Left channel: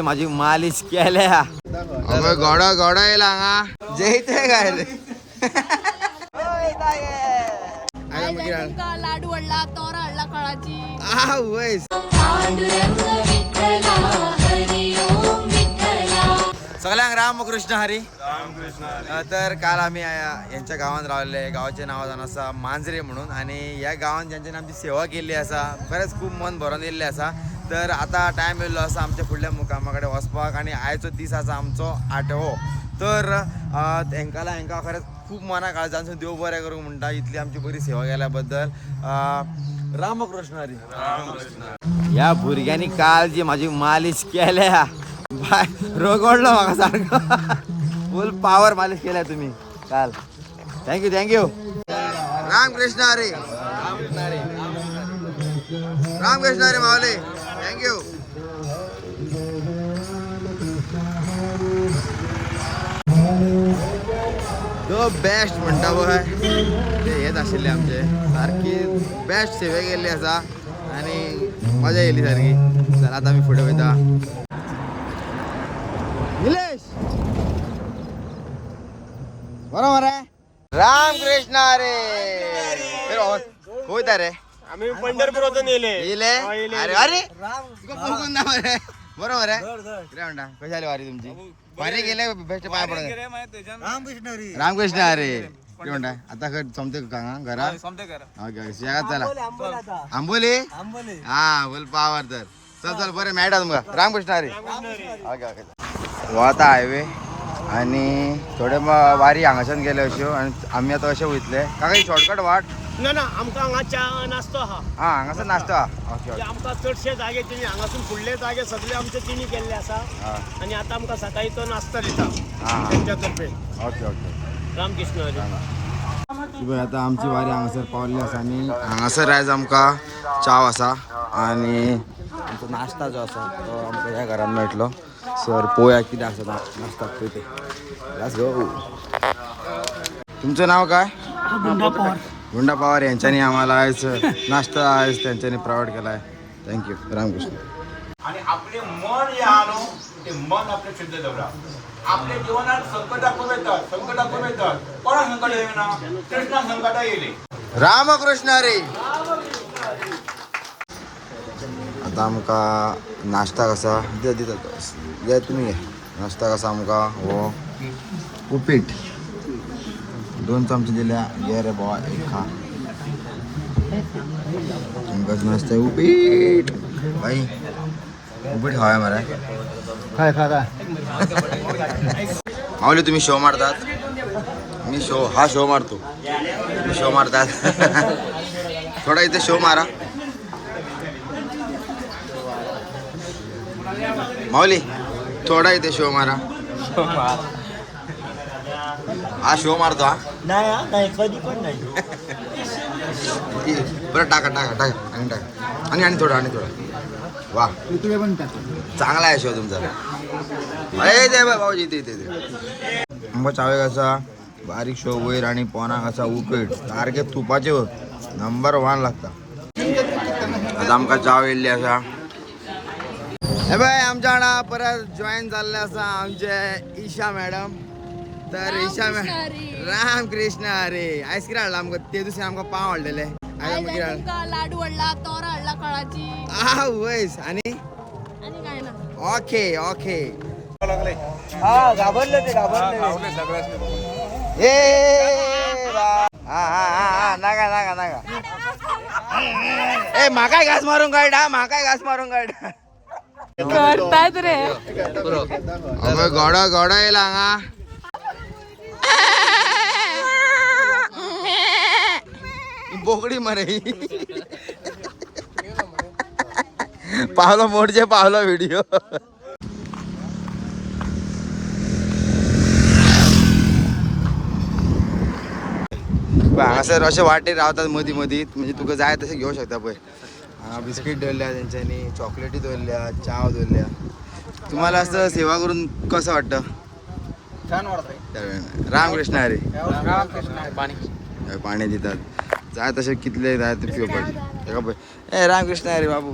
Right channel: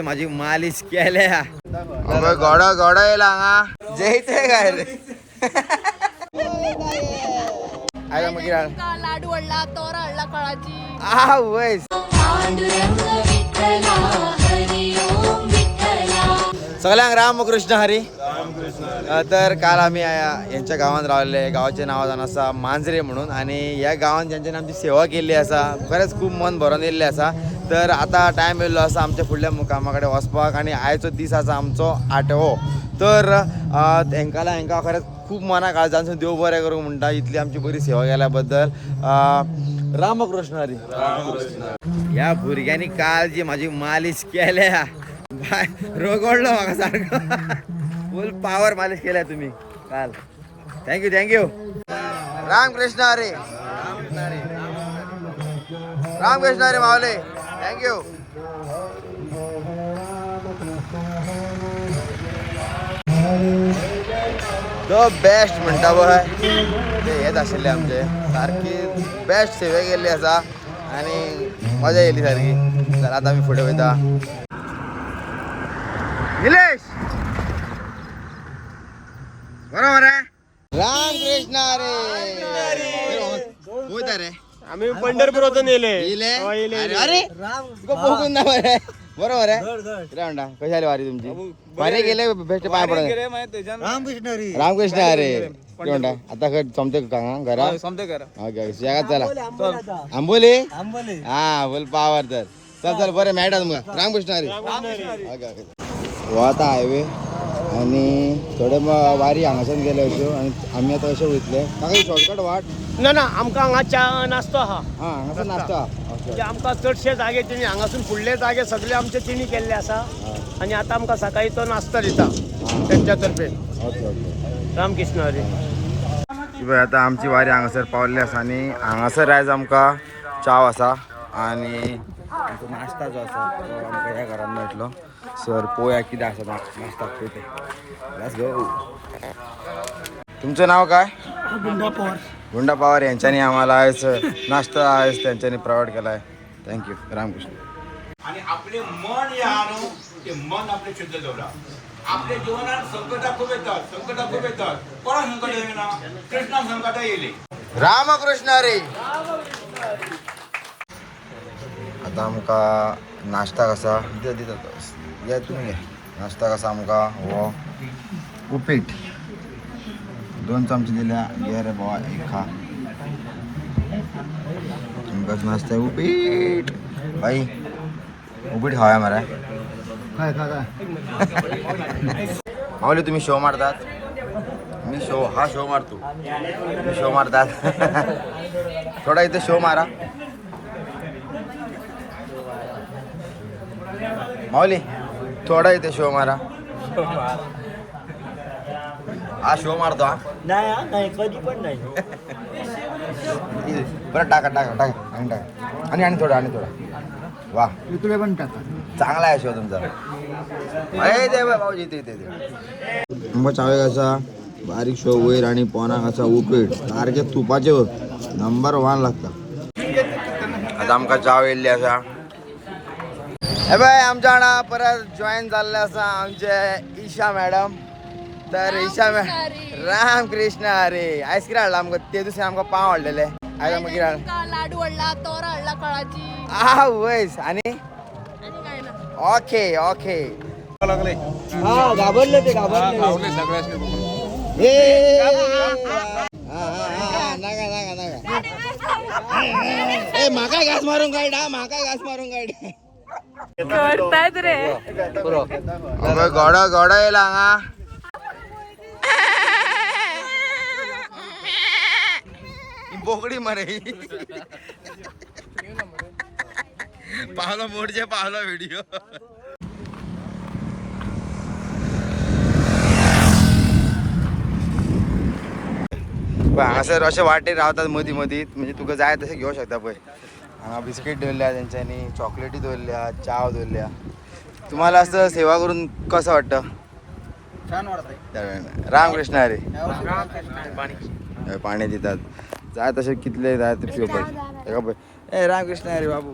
माझी मालिश केल्या अगं गोडा गोडा येला जयते काय रे लाडू आणला तोरा आणला कळाची सगळ्यांक रामकृष्ण हरी. तर काल आम्ही यांच्या गावात रावले. गावाचे नाव जाण असा मांजरे म्हणून आणि या गावात ज्यांच्यानी आमची सेवा केली असा खरंच खूप मन भरून येल्ले असा. तर आता टाइम येयलो असा आमच्या फुडल्या मुकामाकडे वचपाक आणि आयचो दीस असा आमचो 8वो. तर हेंका खरंच खूप मना काळजांसून देव बरें करूंक म्हणटा इतली आमची बरी सेवा केल्याबद्दल रामकृष्ण हरी. या भुरग्यांनी काल जी माझी मालिश केल्या रोगडलो म्हाका सारखं फुल पावर मालिश केल्या तुम्ही काल. थँक्यू रामकृष्ण हरी. रामकृष्ण हरी माऊली. थँक्यू. तो बेस्ट म्हणटा पळय ते हेच आशिल्ले आमचे सारकी बेस्ट सेवे केल्ली आसा आणि मजा येयली सारकी. तर आता आमी फुडें वयता. निलेश बरोबर आहे. रामकृष्ण हरी. होता रे आम्ही पंढरपूर येले अरे अरे बघून ना बरं बरोबर आहे. रे म्हणता कशी आली वारी तुमची. वारी गेले भेट पाय पडत रामकृष्ण हरी. ते म्हणता आता जमते का घरा ओके जगात चला आंबोली हा बोल पावर. तर चल चल बरं मॅट तुमका रामकृष्ण हरी. ओके ओके आता हायवे आणि थोडे वारी हांगाच्यान गेले अश्यो आणि आम्ही आता अशे वयतले काका शॉर्टकट वाट ना ना आमकां हांगा नास्तो हा हांगासर नाश्ता. ओके ओके आमकां चडशे जागे तिणी हांगासून फुडले जागे सगळे आमचे तिणी केल्ले आसा आणि आता आमकां सकाळी तो नाश्ता दिता त्यांच्या तर्फे. Okay okay Ramkrishna Hari. आता आमची वारी हांगासर पावल्ली आसा आणि हांगासर आयज आमकां चाव आसा आणि आमचो नाश्ता जो आसा तो आमकां ह्या घरान मेळटलो. सर पोया कितें आसा नाश्ता ते लेट्स गो. तुमचं नाव काय. गुंडा पवार यांच्यानी आम्हाला आज नाश्ता आज त्यांच्यानी प्रोव्हाइड केला आहे. थँक्यू रामकृष्ण. आणि आपले मन हे आलो ते मन आपले शुद्ध दवरा. आपल्या जीवनात संकट खूप येतात कोणा संकट येईना कृष्णा संकट येईल. रामकृष्ण हरी. आता आमकां नाश्ता कसा दिता घे तुम्ही घे. नाश्ता कसा आमकां हो उपीट 2 चमचे दिल्या घे रे बाबा एक खा. आमकां नाश्ता उपीट बाई उपीट खावया मरे. काय माऊली तुम्ही शो मारतात. मी शो मारतो. मी शो मारतात थोडा इथे शो मारा माऊली थोडा इथे शो मारा. हा शो मारतो हा नाही कधी पण नाही. बरं टाका आणि थोडा वा चांगला आहे शो तुमचा. दे भाऊजी ते मग चावे कसा बारीक शो वयर आणि पोना कसा उपीट सारखे तुपाचे नंबर 1 लागता. आता आमकां चाव येयल्ली आसा. हे बाय आमच्या वांगडा परत जॉईन जाल्ले आसा आमचे ईशा मॅडम. तर ईशा रामकृष्ण हरी. आयस्क्रीम हाडला आमकां ते दिसा आमकां पाव हाडलेले. लाडू आणला तोरा आणला कळाची वयस आणि काय ना. ओके ओके घाबरले नाका ए म्हाकाय घास मारून काढ करतायत रे. अगं गोडा येला हांगा. बोकडी मरे पावलो मोडचे पावलो व्हिडिओ. हांगासर अशे वाटेर रावतात मदीं म्हणजे तुका जाय तशें घेवं शकता पळय. हांगा बिस्कीट दवरल्या तेंच्यांनी चॉकलेटी दवरल्या चाव दवरल्या. तुम्हाला असं सेवा करून कसं वाटतं. छान वाटतं. रामकृष्ण हरी. पाणी दितात जाय तसे कितले जाय ते पिवपाक. ए रामकृष्ण हरी बाबू.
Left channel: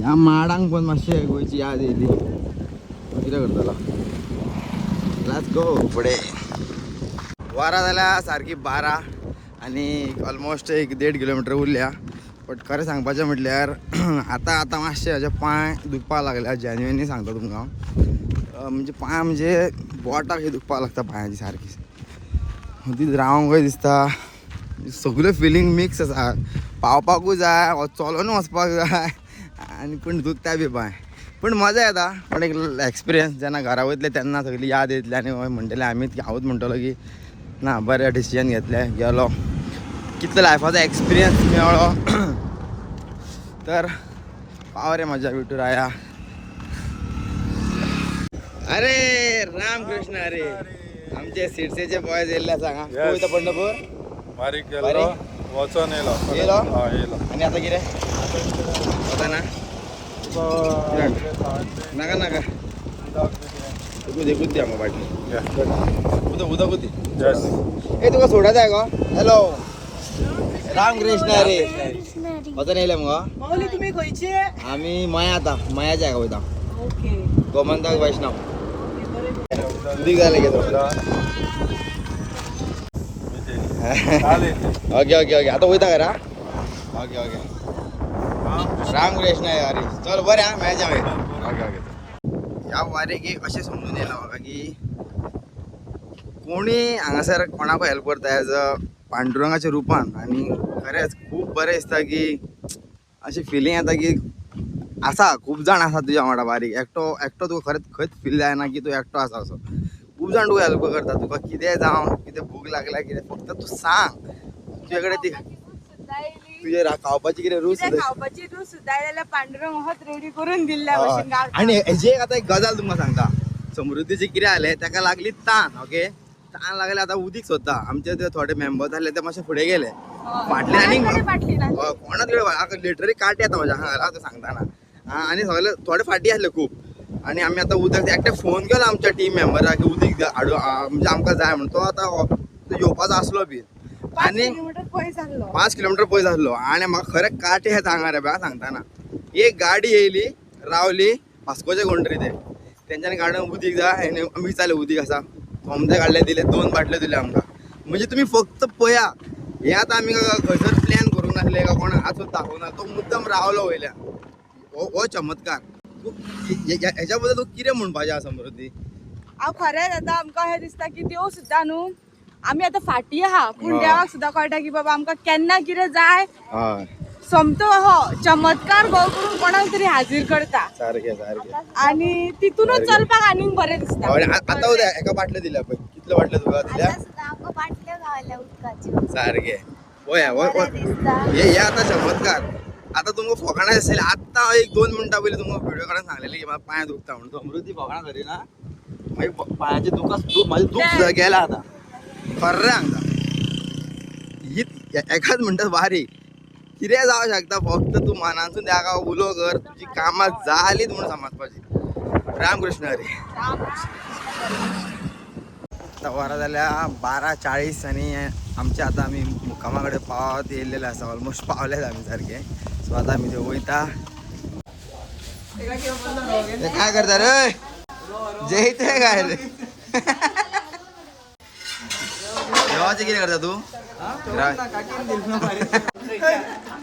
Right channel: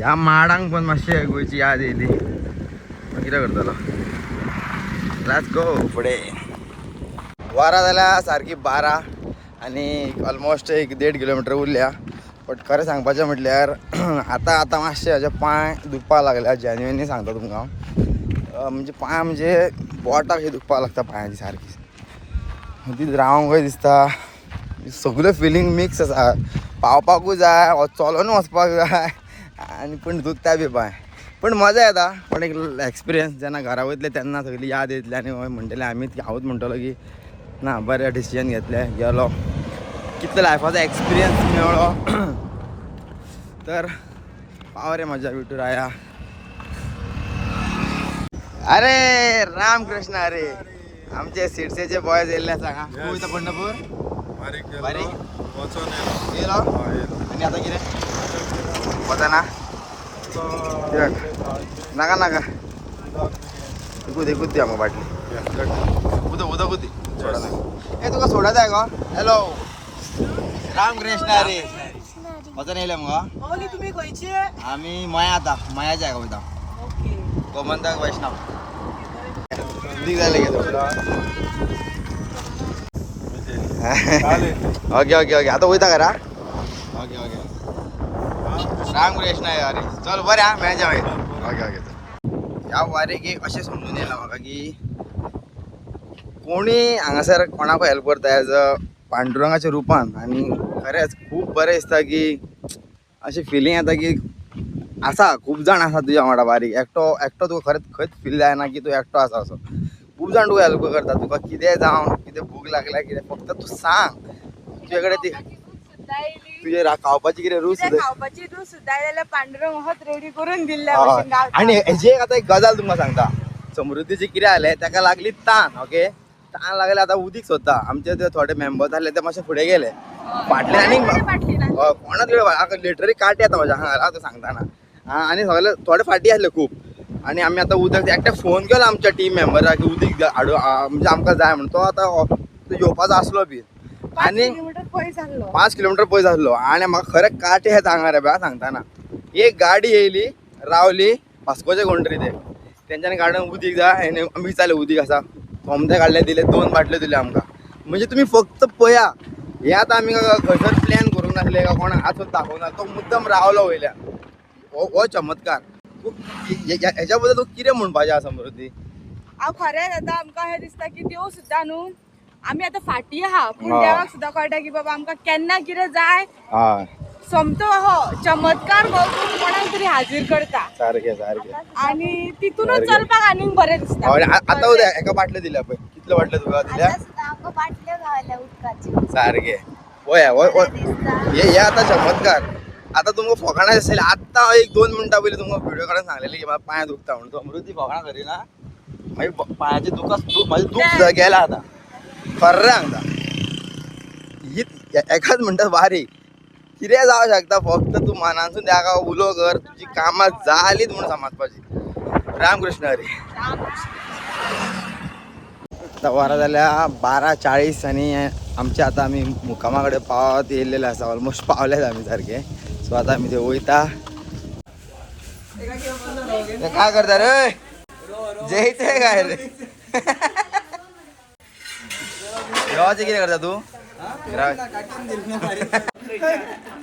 या माडांक पण मातशे गोंयची याद येयली. कितें करतलो? लेट्स गो पुढे. वारा जाल्या सारकी 12 आणि ऑलमोस्ट 1.5 किलोमीटर उरल्या. बट खरें सांगपाचें म्हटल्यार आतां मातशे हाजे पांय दुखपाक लागल्या. जेन्युअनली सांगता तुमकां. म्हणजे पांय म्हणजे बोटाक हे दुखपाक लागता पांयाची सारकी. मदींच रावंकय दिसता. सगळ्यो फिलींग मिक्स आसा. पावपाकूय जाय, चलोन वचपाक जाय आनी पूण दुखता बी पांय. पण मजा येता. पण एक एक्सपिरियन्स जेन्ना घरा वयतले तेन्ना सगळी याद येतली आनी म्हणटले आमी हांवूच म्हणटलो की ना बरें डिसिजन घेतलें गेलो. कितलो लायफाचो एक्सपिरियन्स मेळ्ळो. तर पाव रे मजा विठुराया. अरे राम कृष्ण. अरे आमचे सिडसेचे बॉयज येयल्ले सांगा. तूं वयता पंढरपूर? बारीक बारीक? वचोन येयलो. येयलो? येयलो. आनी आतां कितें वचना? किरण नाका नाका एकूच दी आमकां बाटली. उदक दी. ए तुका सोडा जाय गो. हॅलो राम कृष्ण. रे वचन येयले मगो. तुम्ही खंयचे? आमी मया आतां मयाच्या हाका वयता. गोमंतक वैष्णव. उदीक जाय घे थोडं. ओके आतां वयता घरा. ओके राम कृष्ण. अरे चल बरें हा मॅच ओके. ह्या वारेक एक अशें समजून येयलां म्हाका की कोणी हांगासर कोणाकूय हेल्प करता एज अ पांडुरंगाच्या रुपान. आनी खरेंच खूब बरें दिसता की अशें फिलींग येता की आसा खूब जाण आसा तुज्या वांगडा बारीक. एकटो तुका खंयच फील जायना की तूं एकटो आसा असो. खूब जाण तुका हेल्प करता. तुका कितें जावं कितें भूक लागल्या कितें फक्त तूं सांग. तुजे कडेन ती तुजे खावपाची कितें रूच खावपाची तू सुद्धा जाल्यार पांडुरंग होच रेडी करून दिल्ल्या भशेन गावता. आणि हेजी आतां एक गजाल तुमकां सांगता. समृद्धीची कितें जालें ताका लागली तान. ओके तान लागले आतां उदीक सोदता. आमचे ते थोडे मेंबर्स आसले ते मातशे फुडें गेले. फाटल्यान आनीक कोणाच कडेन लिटरली काटी येता म्हाज्या हांगा आतां सांगताना. आनी सगळे थोडे फाटी आसले खूब. आनी आमी आतां उदक एकट्याक फोन केलो आमच्या टीम मेंबराक की उदीक हाडूं म्हणजे आमकां जाय म्हणून. तो आतां येवपाचो आसलो बी. आनी 5 किलोमीटर पयस आसलो. आनी म्हाका खरें काटे येता हांगा रे बा सांगताना. एक गाडी येयली रावली वास्कोचे कोण तरी ते. तेंच्यांनी गाडीन उदीक जाय आनी आमी विचारलें उदीक आसा. सोमते काडले दिले 2 बाटल्यो दिल्यो आमकां. म्हणजे तुमी फक्त पळया हे आतां आमी खंयसर प्लॅन करूंक नासले का कोणाक आजून दाखोवना. तो मुद्दम रावलो वयल्यान. हो चमत्कार. हेच्या बद्दल तूं कितें म्हणपाचें आसा समृद्धी? हांव खरेंच आतां आमकां अशें दिसता की देव सुद्दां न्हू आमी आतां फाटी आहा पूण देवाक सुद्दां कळटा की बाबा आमकां केन्ना कितें जाय. सोमतो हो चमत्कार गोळ करून कोणाक तरी हाजीर करता. सारकें आनी तितूनच चलपाक आनीक बरें दिसता. आतां एका बाटल्यो दिल्या पळय. कितल्यो बाटल्यो तुका दिल्या? आमकां बाटल्यो गावल्या उदकाच्यो. सारकें पळया हे आतां चमत्कार. आतां तुमकां फकाणां आसलें. आतां 1-2 मिनटां पयलीं तुमकां व्हिडिओ काडून सांगलेली की म्हाका पांय दुखता म्हणून. समृद्धी फकाणां करिना. मागीर पांयाचें म्हाजें दूख सुद्दां गेलां आतां. खरें सांगता ही एकाच म्हणटा बारीक. कितें जावं शकता फक्त तूं मनानसून त्या उलो कर. तुजी कामां जालींच म्हणून समजपाची. राम कृष्ण हरी. आतां वरां जाल्या 12:40 आनी आमचे आतां आमी मुक्कामा कडेन पावत येयल्लेले आसा. ऑलमोस्ट पावलेच आमी सारके. सो आतां आमी ते वयता. काय करता रे? जेयते काय रे? जेवायचं कितें करता तूं?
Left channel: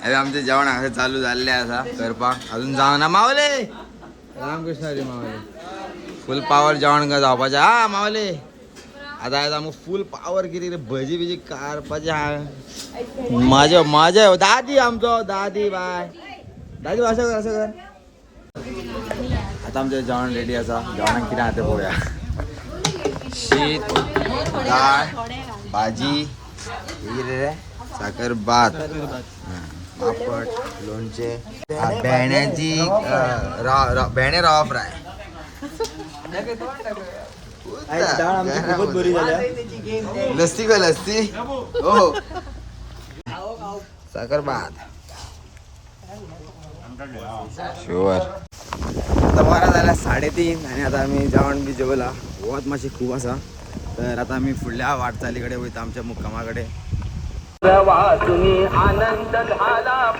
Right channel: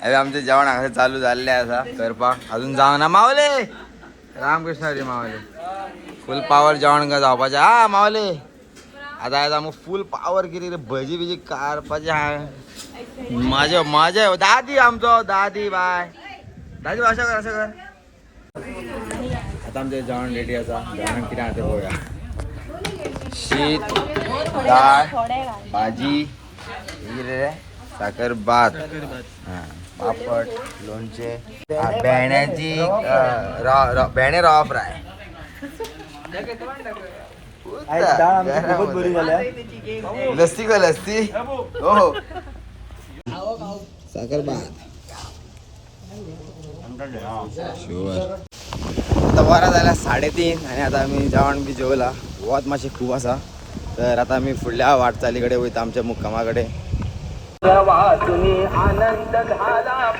अरे आमचें जेवण हांगासर चालू जाल्लें आसा करपाक. अजून जावना. मावले रामकृष्ण हरी. मावले फूल पावर जेवण जावपाचें. हा मावले आतां आयज आमकां फूल पावर कितें रे भजी बिजी काडपाचें हा. माझ्या दादी आमचो दादी बाय दादी अशें कर. आतां आमचें जेवण रेडी आसा. जेवणाक कितें आहा तें पळोवया. शीत दाळ भाजी कितें रे साकर भात पापड लोणचें भेंड्याची भेंडे रवा फ्राय. लस्सी का लस्सी हो साकर भात शुअर. आता बारा जाल्या 3:30 आनी आतां आमी जेवण बी जेवला. वत मातशें खूब आसा. तर आतां आमी फुडल्या वाटचाली कडेन वयता आमच्या मुक्कामा कडेन. आनंद झाला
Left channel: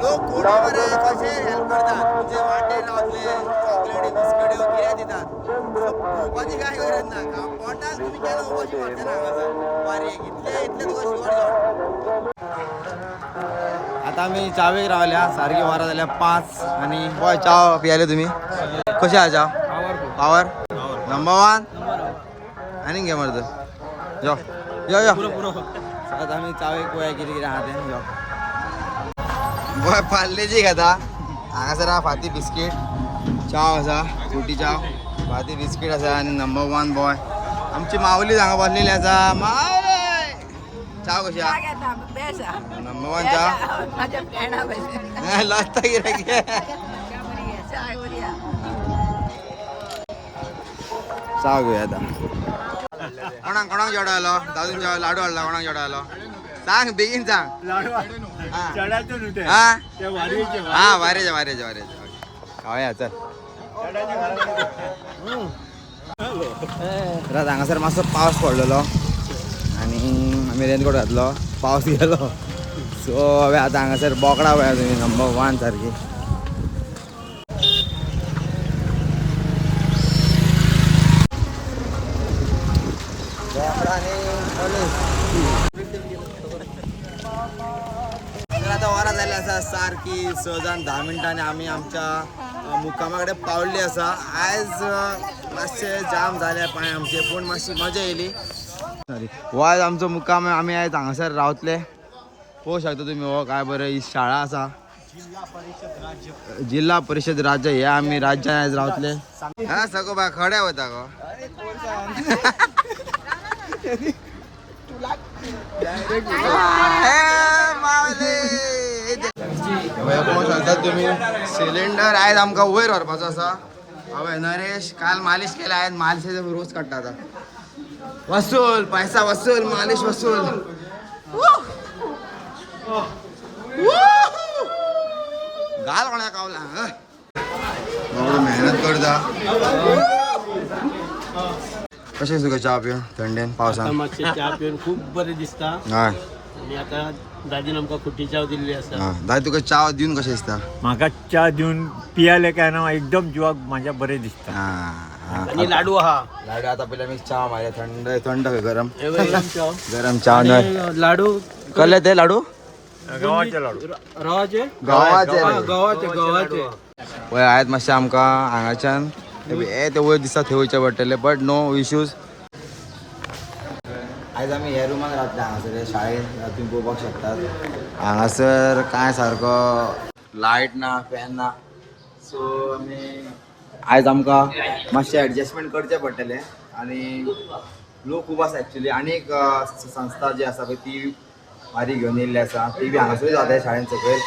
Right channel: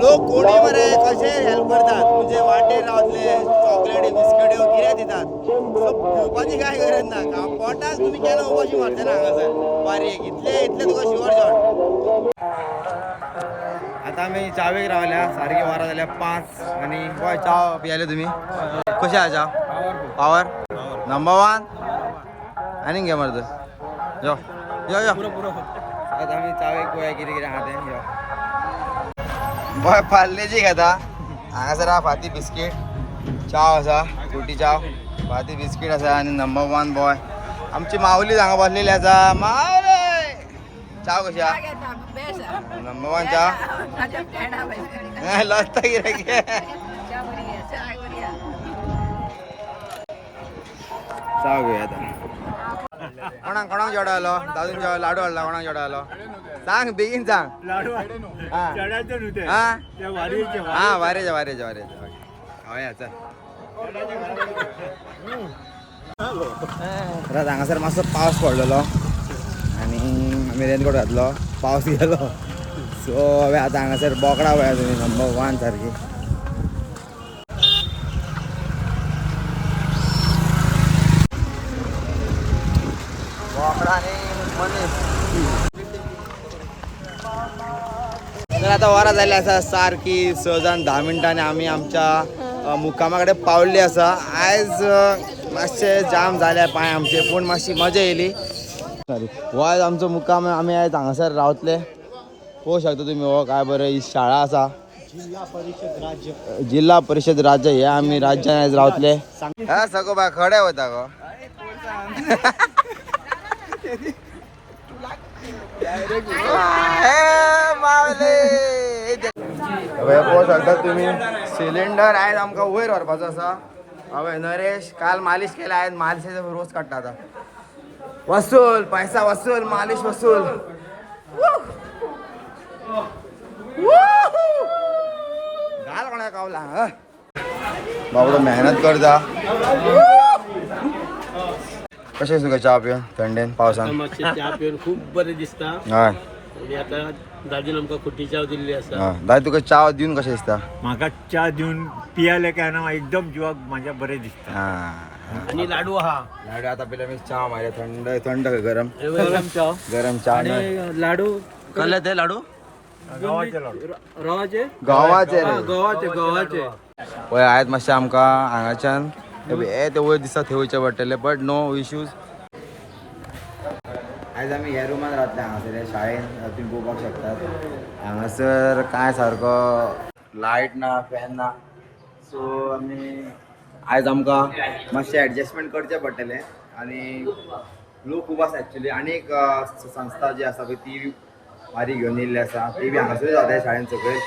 लोक कोणी बरे कसे हेल्प करतात म्हणजे वाटेर रावतले चॉकलेट बिस्किट कितें दितात भोवपाची काय गरज ना पोटाक तुम्ही केलं उपाशी मारते ना हांगासर बारीक इतले तुका शिवर जॉन. आता आम्ही चावेक रावल्या सारखी वारा जाल्या 5 आणि बॉय चाव पियाले तुम्ही कशे आहा चाव पावर नंबर 1 आणि घे मर्द यो यो यो आता आम्ही चावेक पळया कितें कितें आहा तें यो बॉय पार्लेजी घेता हांगासर आहा फाती बिस्कीट चाव आसा फ्रुटी चाव फाती बिस्कीट आसा आणि नंबर 1 बॉय आमची माऊली हांगा बसलेली आसा माऊली चाव कशी आहा नंबर 1 चाव लसता कितें चाव घेया आता कोणाक जेवडालो दादून लाडू हाडला कोणाक जेवडालो सांग बेगीन सांग लाडू हा चढायचं न्हू ते. हा ते वारयेचे हा वारेच्या हय चल तर हांगासर मातसो पावस पडलेलो आनी आमी रेनकोट घातलो पावस गेलो सो हांवें आतां हांगासर बोकडा पळया तुमी नंबर 1 सारकी तर आता वरां जाल्ली आसा सारकी 6 जावन 10 मिनटांनी आमी आमच्या मुक्कामा कडेन पावल्ली आसा. आयज मातशे जाम जाले पांय आमचे पूण मातशी मजा येयली. सॉरी हो आयज आमचो मुक्काम आमी आयज हांगासर रावतले. पळोवंक शकता तुमी हो काय बरें ही शाळा आसा जिल्हा परिषद राज्य हे आमी राज्यान आयज रावतले. हा सगळो बाय खडे वता गो पळोवंक शकता तुम्ही सिलिंडर आयज आमकां वयर व्हरपाचो आसा. हय नरेश काल मालिश केला आयज मालिशेचो रोज काडटा आतां वसूल पैसा वसूल मालिश वसूल घाल कोणा कावला बाबडो मेहनत करता. कशें तुका च्या पिवन थंडेन पावसान मातशें च्या पिवन खूब बरें दिसता. हय आणि आता दादीन आमकां खुटी च्या दिल्ली आसा. दादा तुका च्या दिवन कशें दिसता. म्हाका च्या दिवन पियाले काय ना एकदम जिवाक माझ्या बरें दिसता. आणि लाडू आहा लाडू आता पयलीं आमी च्या मारया थंड थंड गरम च्या गरम च्या लाडू कसले ते लाडू गव्हाचे लाडू रवाचे गव्हाचे रे गव्हाचे पळय आयज मातशें आमकां हांगाच्यान ते वयर दिसता थंय वयचें पडटलें बट नो इश्यूज. आयज आमी ह्या रुमान रावतले हांगासर हे शाळेन तुमी पळोवपाक शकतात हांगासर कांय सारको लायट ना फॅन ना सो आमी आयज आमकां मातशें एडजस्टमेंट करचें पडटलें. आनी लोक खूब आसा एक्चुली आनी एक संस्था जी आसा पळय ती वारी घेवन येयल्ली आसा ती बी हांगासरूच रावता शाळेन सकयल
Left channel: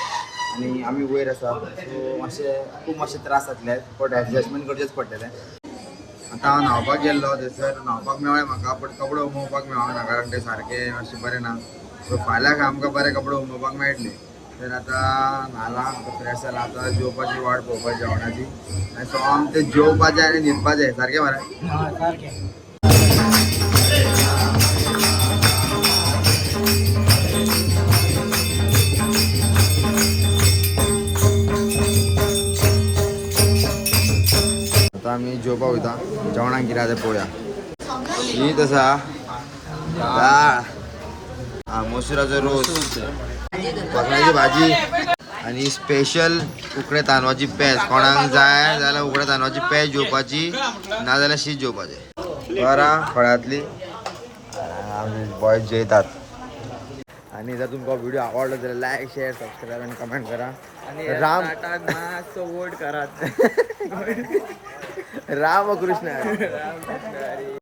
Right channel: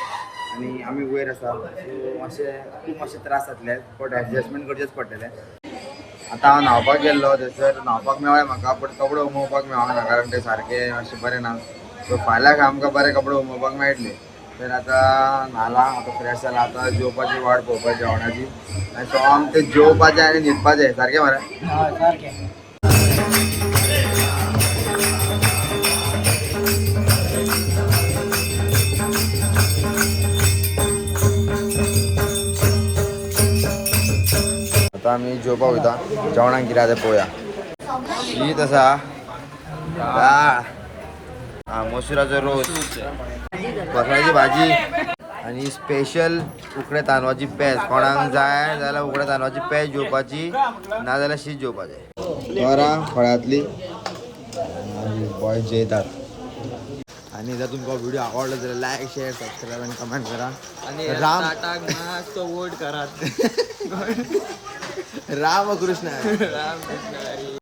आनी आमी वयर आसा सो मातशे त्रास जातले बट एडजस्टमेंट करचेंच पडटलें. आतां हांव न्हांवपाक गेल्लो थंयसर न्हांवपाक मेळ्ळें म्हाका बट कपडे उमोवपाक मेळोंक ना कारण ते सारके मातशे बरे ना सो फाल्यां आमकां बरे कपडे उमोवपाक मेळटले. तर आतां न्हालां आतां फ्रेश जालां आतां जेवपाची वाट पळोवपाची जेवणाची आनी सो आमकां तें जेवपाचें आनी न्हिदपाचें सारकें मरे. सारकें आतां आमी जेवपाक वयता जेवणाक कितें आसा तें पळोवया. शीत आसा दाळ मसुराचो रोस बकऱ्याची भाजी आनी स्पेशल उकडे तांदळाची पेज. कोणाक जाय जाल्यार उकडे तांदळाची पेज जेवपाची ना जाल्यार शीत जेवपाचें बरां फळांतली बॉय जेयतात. आनी जर तुमकां व्हिडिओ आवडलो जाल्यार लायक शेअर सबस्क्राईब आनी कमेंट करा. आनी राम मातसो वोट करात. रामकृष्ण हरी.